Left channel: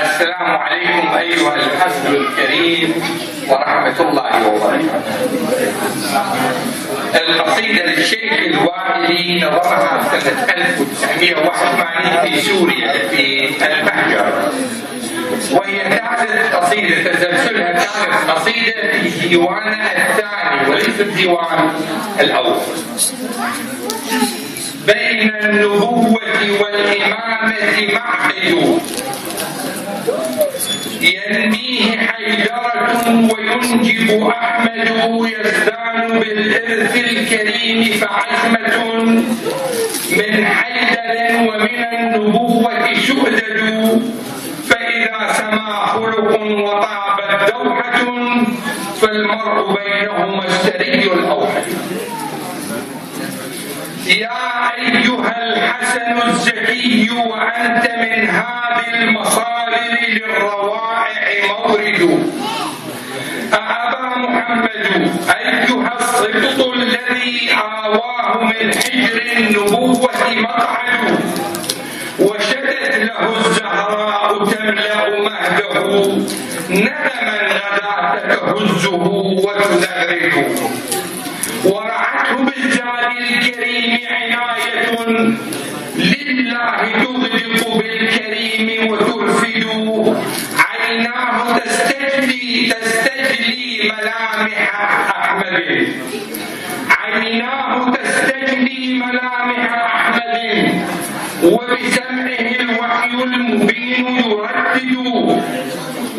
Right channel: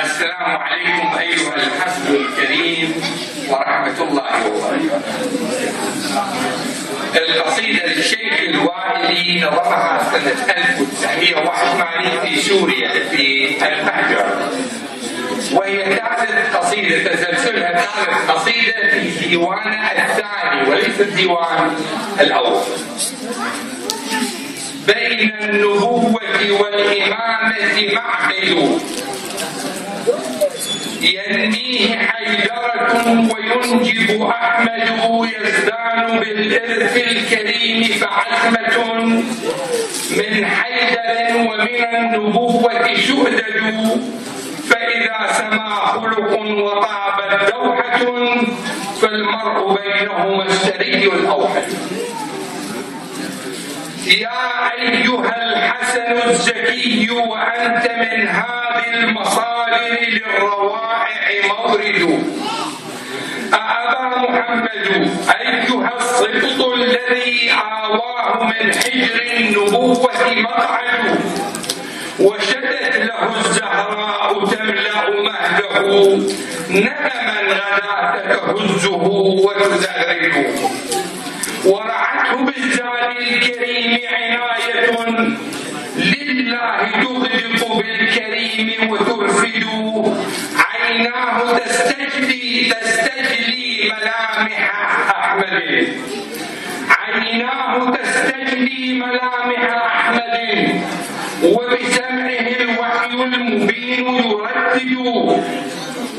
السلام عليكم أيها الحفل الكريم ورحمة الله وبركاته. القصيدة للشيخ الوائلي نظمها سنة 1981 في سوريا في المهجر، وهي ثالث قصيدة تسلسلها، ثالث قصيدة في ديوانه الثاني وليس الديوان الأول. بين النبوة والإمامة معقد ينميه حيدرة وينجب أحمد، يزدان بالإرث الكريم فعزمة من حيدر ومن النبوة شؤدد، فإذا سما خلق وطابت دوحة فالمرء بينهما السري الأوحد. يا أيها الحسن الزكي وأنت من هذه المصادر للروائع مورد، أأبا محمد أيها الصبط الذي آواه من حجر النبوة مقعد، وشدت له الزهراء تملأ مهده ندما غدا تهزه وتزغرده، ورعته بالزاد الكريم عناية لله تغلق بالكريم وترفد، عيناه تستجلي ملامح أحمد، عيناه تستجلي ملامح أحمد، وبسمعه الوحي المبين يردد،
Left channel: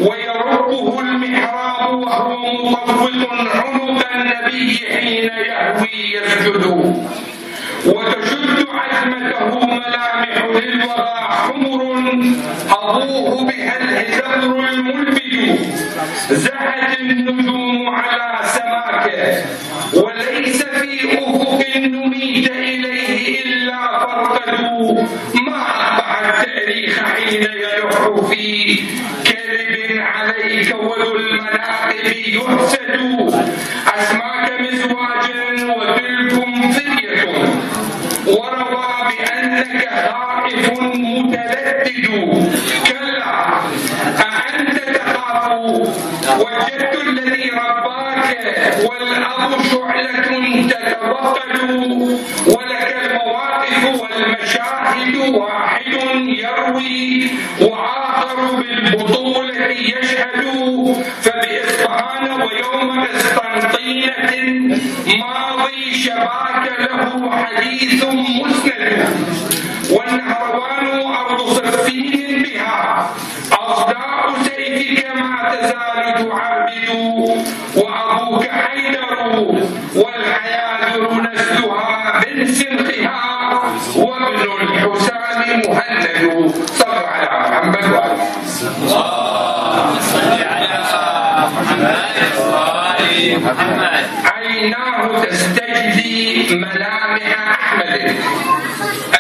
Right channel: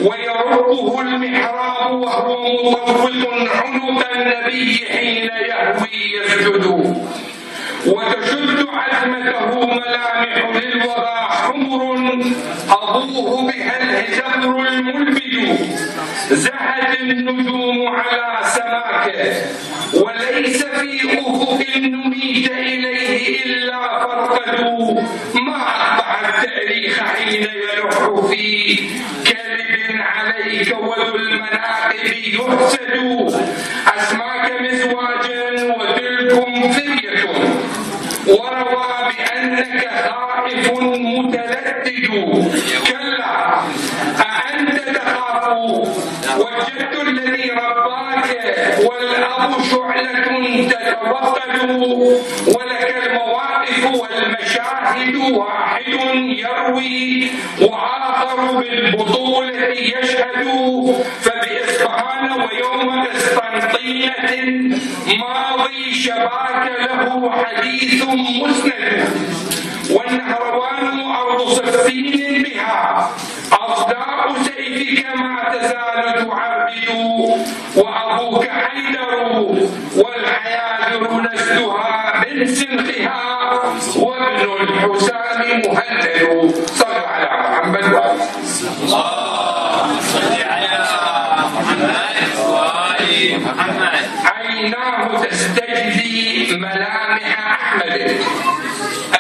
ويربه المحراب وهو مطوق عنق النبي حين يهوي يسجد، وتشد عزمته ملامح للوغى حمر أبوه بها الهزبر الملبد، زهت النجوم على سماكه وليس في أفق نميت إليه إلا فرقد، ما أقطع التاريخ حين يلح في كذب عليك وذو المناقب يحسد، أسماك مزواجا وتلكم فرية وروى بأنك خائف متلدد، كلا أأنت تخاف والجد الذي رباك والأب شعلة تتوقد، ولك المواقف والمشاهد واحد يروي وآخر بالبطولة يشهد، فبإصفهان ويوم قسطنطينة ماضي شباك له حديث مسند، والنهروان أرض صفين بها أصداء سيفك ما تزال تعربد، وأبوك حيدر والحيادر نسلها من سنخها، وابن الحسام مهند. صلوا على محمد وآله. اللهم صل على محمد. عيناه تستجلي ملامح أحمد.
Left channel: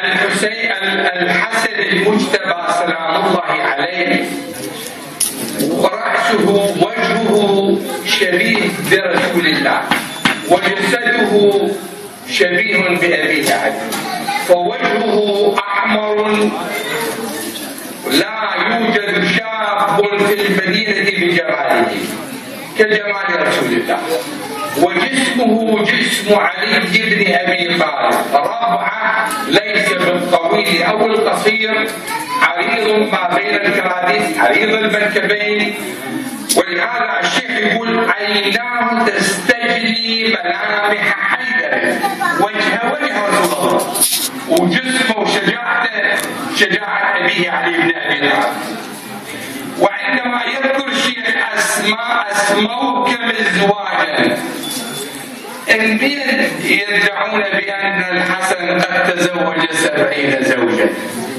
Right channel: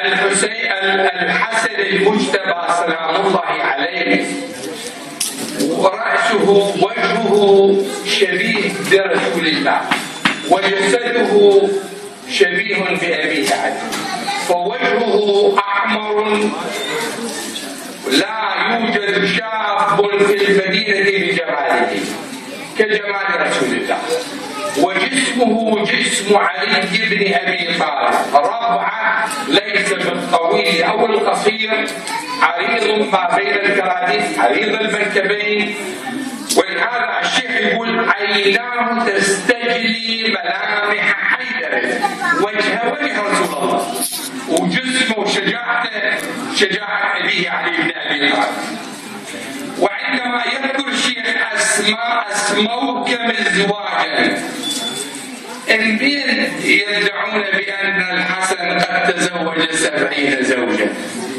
الحسن المجتبى سلام الله عليه ورأسه وجهه شبيه برسول الله، وجسده شبيه بأبيه عليه، فوجهه أحمر لا يوجد شاب في المدينة بجماله كجمال رسول الله، وجسمه جسم علي بن أبي طالب، ربعة ليس بالطويل أو القصير، عريض ما بين الكراديس، عريض المنكبين، ولهذا الشيخ يقول عيناه تستجلي ملامح حيدر، وجه رسول الله، وجسمه وشجاعته شجاعة أبيه علي بن أبي طالب. وعندما يذكر الشيخ أسموك مزواجا، البيت يدعون بأن الحسن قد تزوج 70 زوجة،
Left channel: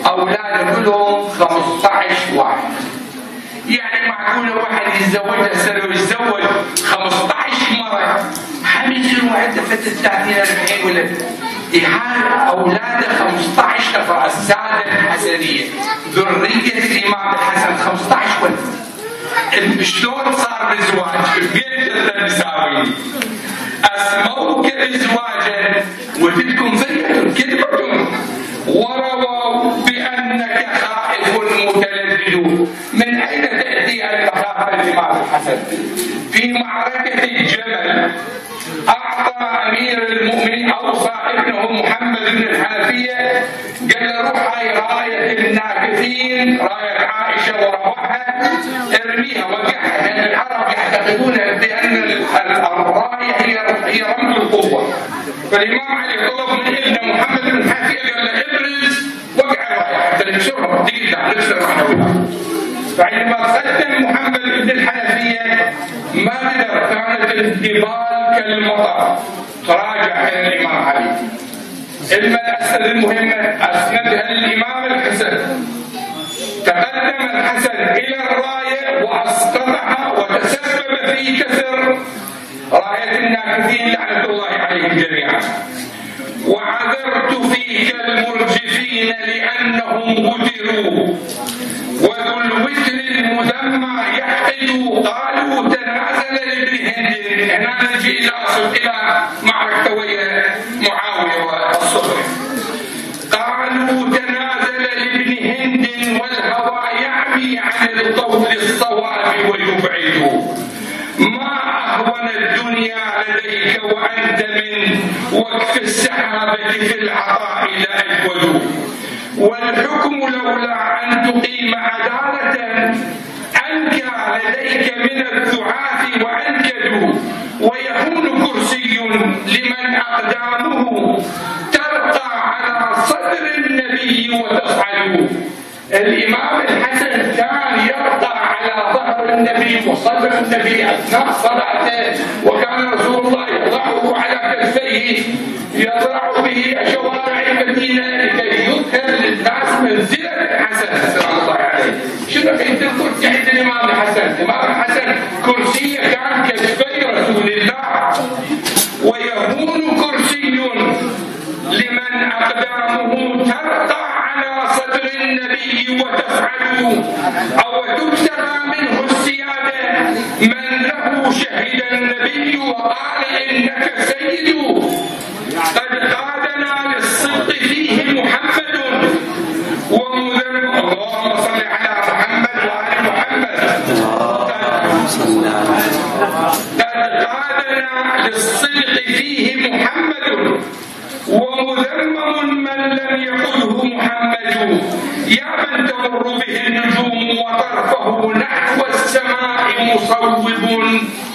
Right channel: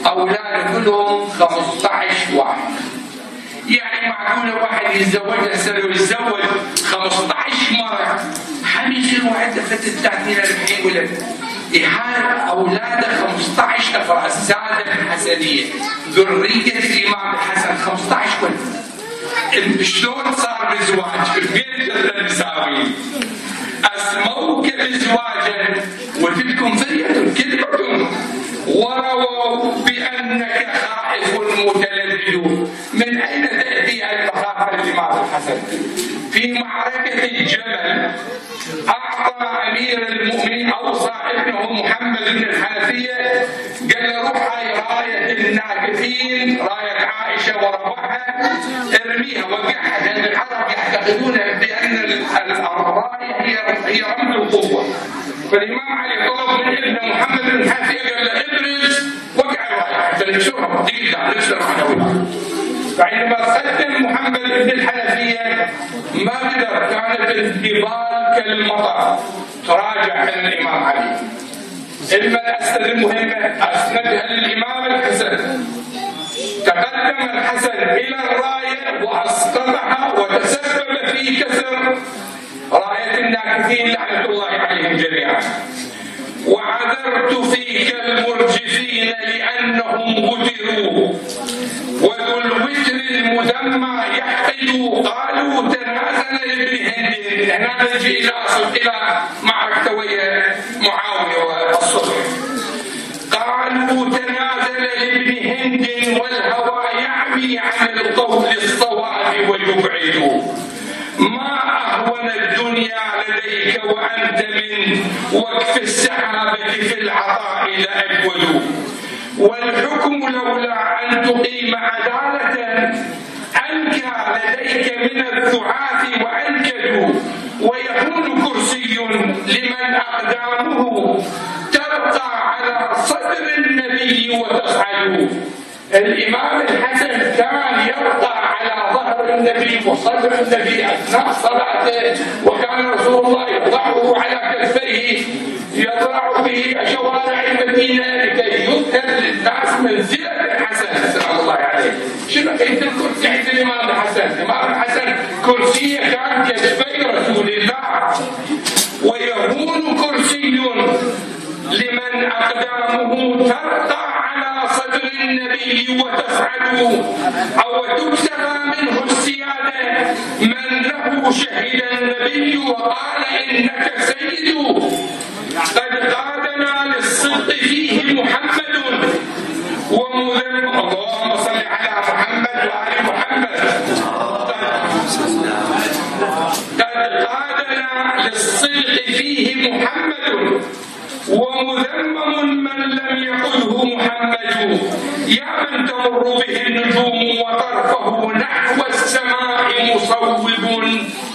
أولاده كلهم 15 واحد، يعني معقولة واحد يتزوج 15 مرة، حيصير عنده فترة 30-40 ولد، هذا أولاده 15 نفر، السادة الحسنية ذرية الإمام الحسن 15 ولد. شلون صار الزواج؟ البيت الإمام الحسن في معركة الجمل أعطى أمير المؤمنين أوصى ابنه محمد بن الحنفية، قال له روح هاي راية الناكثين، راية عائشة ورفعها ارميها وقعها، لأن العرب يعتقدون بأن الراية هي رمز القوة. فالإمام علي طلب من ابنه محمد بن الحنفية قال له ابرز وقع الراية حتى نكسرها دقيقة نكسر معنويها. فعندما قدم محمد بن الحنفية ما قدر، كانت الجبال كالمطر، تراجع إلى الإمام علي. الأسئلة المهمة أسندها للإمام الحسن. تقدم الحسن إلى الراية وأسقطها وتسبب في كسر راية الناكثين لعنة الله عليهم جميعا. وعذرت فيك المرجفين لأنهم قتلوا، وذو الوتر المذمى يحقد، قالوا تنازل لابن هند. هنا نجي إلى معركة ويا معاوية والصلح. قالوا تنازل لابن هند والهوى يعمي عن القول الصواب ويبعد. ما أهون الدنيا لديك وأنت من وقف السحابة في العطاء لأجود. والحكم لولا أن تقيم عدالة أنكى لديك من الذعاث وأنكد. ويكون كرسي لمن أقدامه ترقى على صدر النبي وتصعد. الإمام الحسن كان يرقى على ظهر النبي وصدر النبي أثناء صلاته، وكان رسول الله يضعه على كتفيه يضع به شوارع المدينة لكي يظهر للناس منزلة الحسن سلام الله عليه. شنو كيف الكرسي عند الإمام الحسن؟ الإمام الحسن كرسيه كان كتفي رسول الله. ويهون كرسي لمن أقدامه ترقى على صدر النبي وتفعل، أو تبتغى منه السيادة من له شهد النبي وقال إنك سيد. قد قادنا للصدق فيه محمد ومذم. اللهم صل على محمد وآل محمد. قد قادنا للصدق فيه محمد ومذمم من لم يقله محمد. يا من تمر به النجوم وطرفه نحو السماء مصوب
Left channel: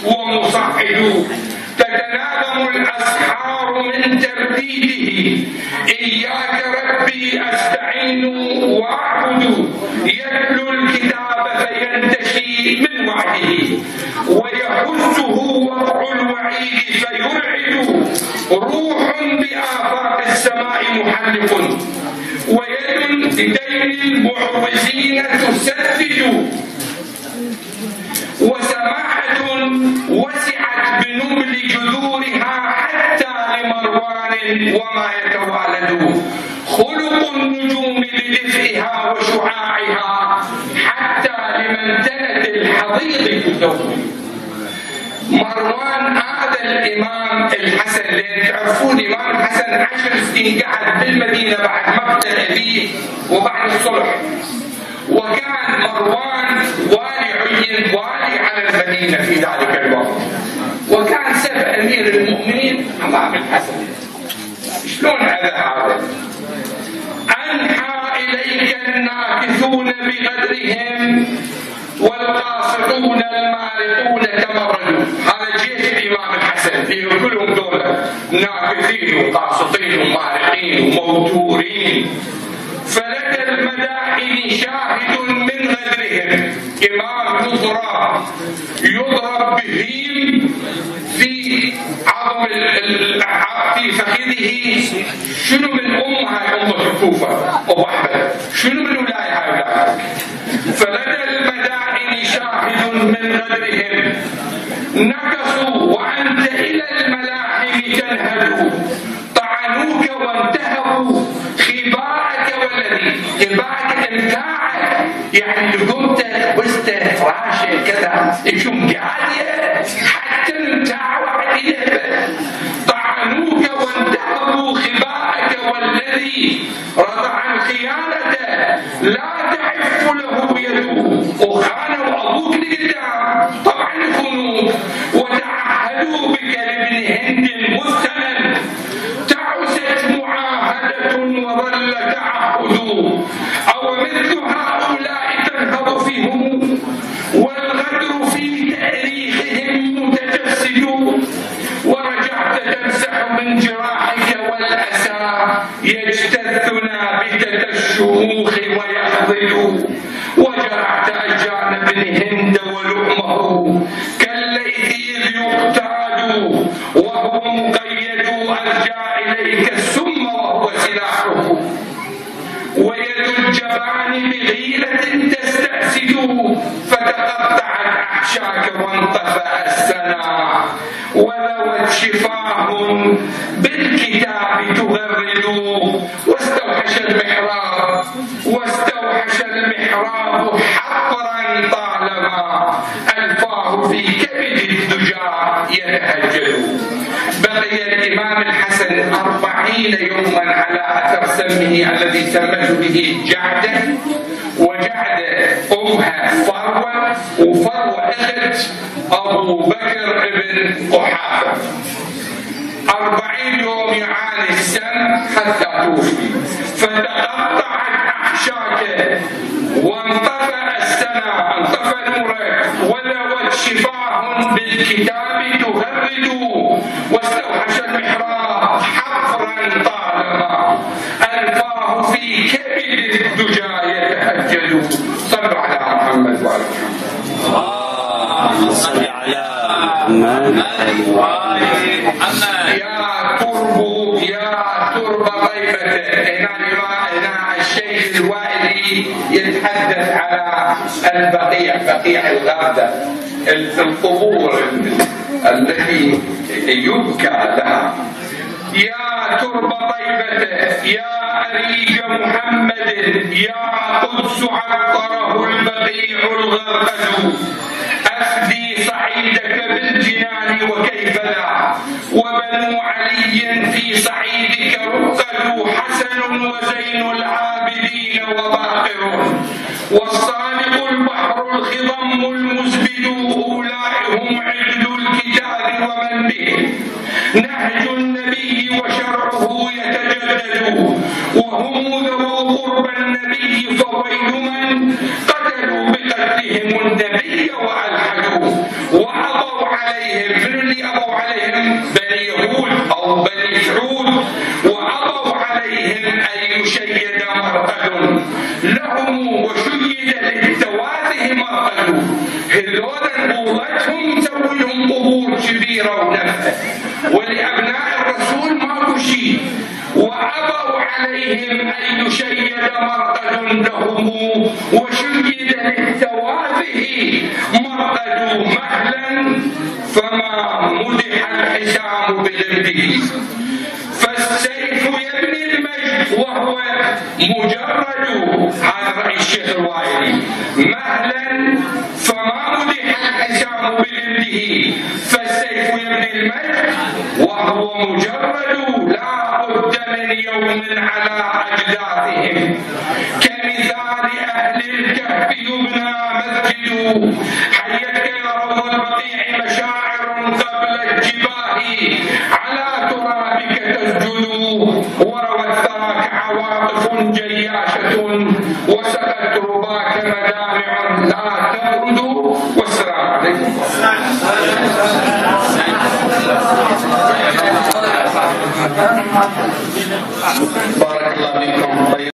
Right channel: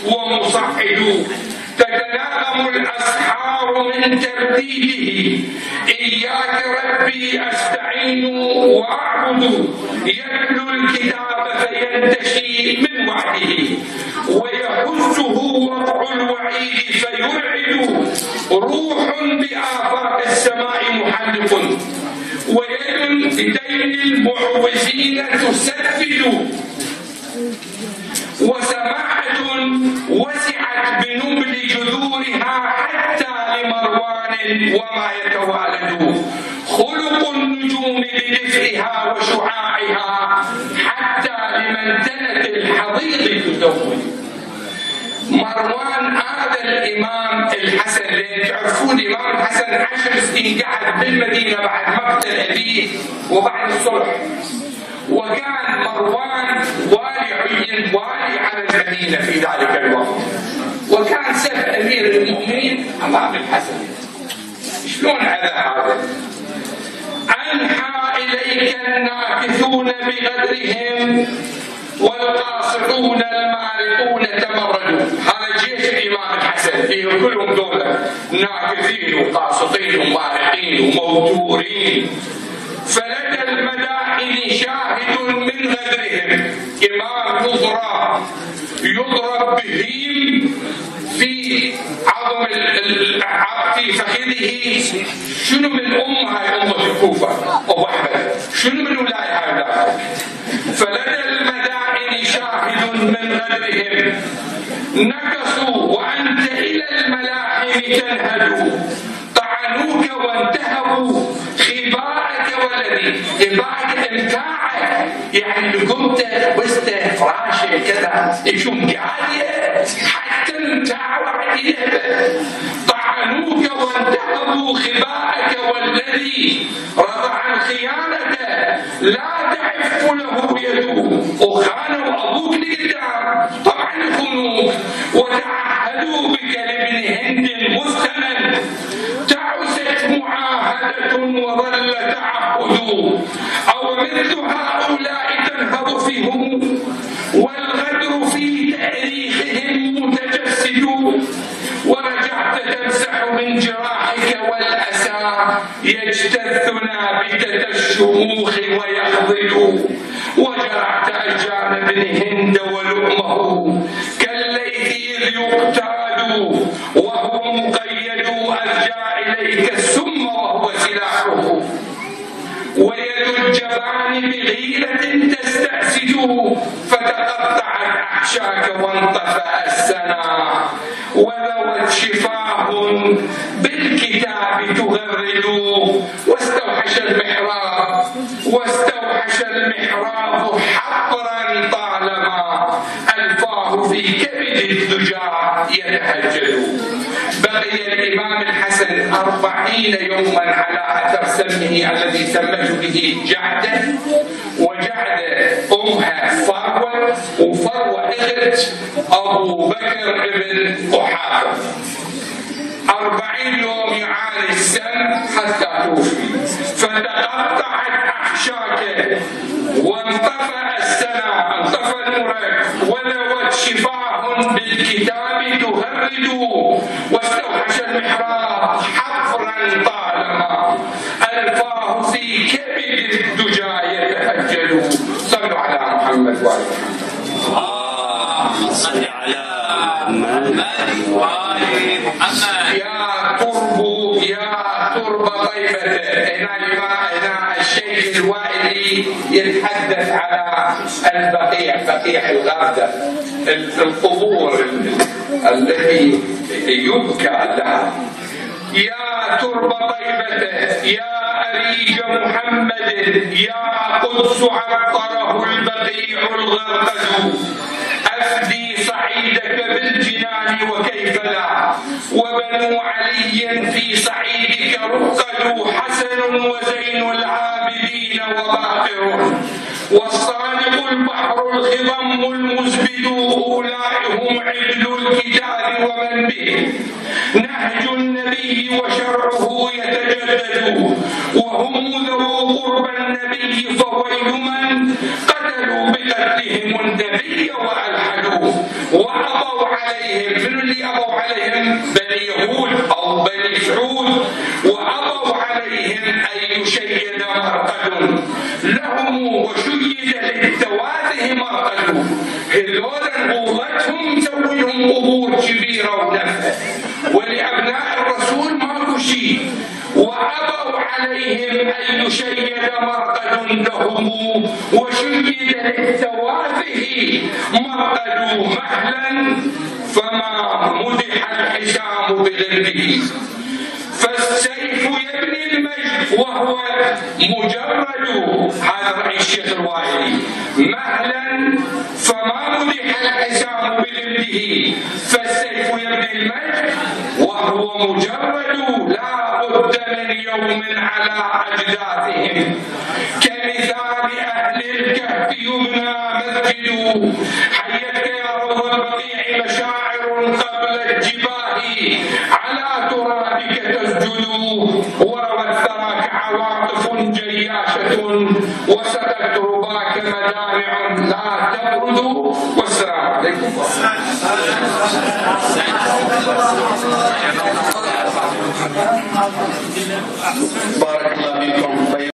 ومصعد. تتناغم الأسحار من ترديده. إياك ربي أستعين وأعبد. يتلو الكتاب فينتشي من وعده. ويحزه وضع الوعيد فيرعد. روح بآفاق السماء محلق. ويد بدين المعوزين تسدد. وسماحة وسعت بنبل جذورها حتى لمروان وما يتوالد. خلق النجوم بدفئها وشعاعها حتى لمن تنت الحضيض تزود. مروان هذا الإمام الحسن اللي تعرفون الإمام الحسن 10 سنين قعد بالمدينة بعد مقتل أبيه وبعد الصلح. وكان مروان عين والي على المدينة في ذلك الوقت. وكان سب أمير المؤمنين أمام الحسن. شلون على هذا؟ أنحى إليك الناكثون بغدرهم والقاصدون المارقون تمردوا. هذا جيش الإمام الحسن فيه كلهم دول ناكثين وقاصدين ومارقين وموتورين. فلدى المداحن شاهد من غدرهم. إمام يضرب بهيم في عظم في فخذه. شنو من هاي أمة الكوفة أو أحمد؟ شنو من ولاية هاي؟ فلدى المداحن شاهد من غدرهم. نكصوا وأنت إلى الملاحم تنهد. طعنوك وانتهبوا خباءك والذي إباك إمتاعك. يعني قمت وسط فراشة كذا يشوم قاعدة حتى امتاع وعديه. طعنوك وانتهبوا خباءك والذي رضع الخيانة لا تعف له يده. وخانوا أبوك لقدام وانطفأ السنا وذوت شفاه بالكتاب تغرد واستوحش المحراب حقرا طالما ألفاه في كبد الدجى يتهجد. بقي الإمام الحسن 40 يوما على أثر سمه الذي سمته به جعدة، وجعدة أمها فروة، وفروة أخت أبو بكر بن قحافة. 40 يوم يعاني السم حتى توفي، فتقطعت أحشاكه وانطفأ السنا، انطفأ نوره، وذوت شفاه بالكتاب تغرد واستوحش المحراب حفرا طالما ألفاه في كبد الدجى يتهجد. صلوا على محمد وعلى محمد. صل على محمد. يا ترب طيبته. هنا الشيخ الوائلي يتحدث على البقيع، بقيع الغردة، القبور التي يبكى لها. يا ترب طيبته، يا أريج محمد، يا قدس عطره البقيع الغرقد، أفدي صعيدك بالجنان وكيف لا، وبنو علي في صعيدك رقدوا، حسن وزين العابدين وباقر، والصادق البحر الخضم المزبد، أولئهم عدل الكتاب ومن به نهج النبي وشرعه يتجدد، وهم ذو قرب النبي فويل من قتلوا بقتلهم النبي وألحدوا، وأبوا عليهم. من اللي أبوا عليهم؟ بني يهود أو بني سعود، وأبوا عليهم أن يشيد مرقد لهم وشيد للتواته مرقد. هذول قوتهم سوي لهم قبور كبيرة ونفة، ولأبناء الرسول ماكو شيء، وأبوا عليهم أن يشيد مرقد لهم وشيد للتواته مرقد، مهلا فما مدح الحسام بغرده، فالسيف يبني المجد وهو مجرد. هذا رأي الشيخ الوائلي. مهلا فما مدح الحسام بغرده، فالسيف يبني المجد وهو مجرد، لا بد من يوم على أجداثهم، كمثال أهل الكهف يبنى مسجد، حيتك يا روض البقيع مشاعر قبل الجباه، على ترابك تسجد، وروت ثراك عواطف جياشة، وسقت رباك مدامع لا تبرد،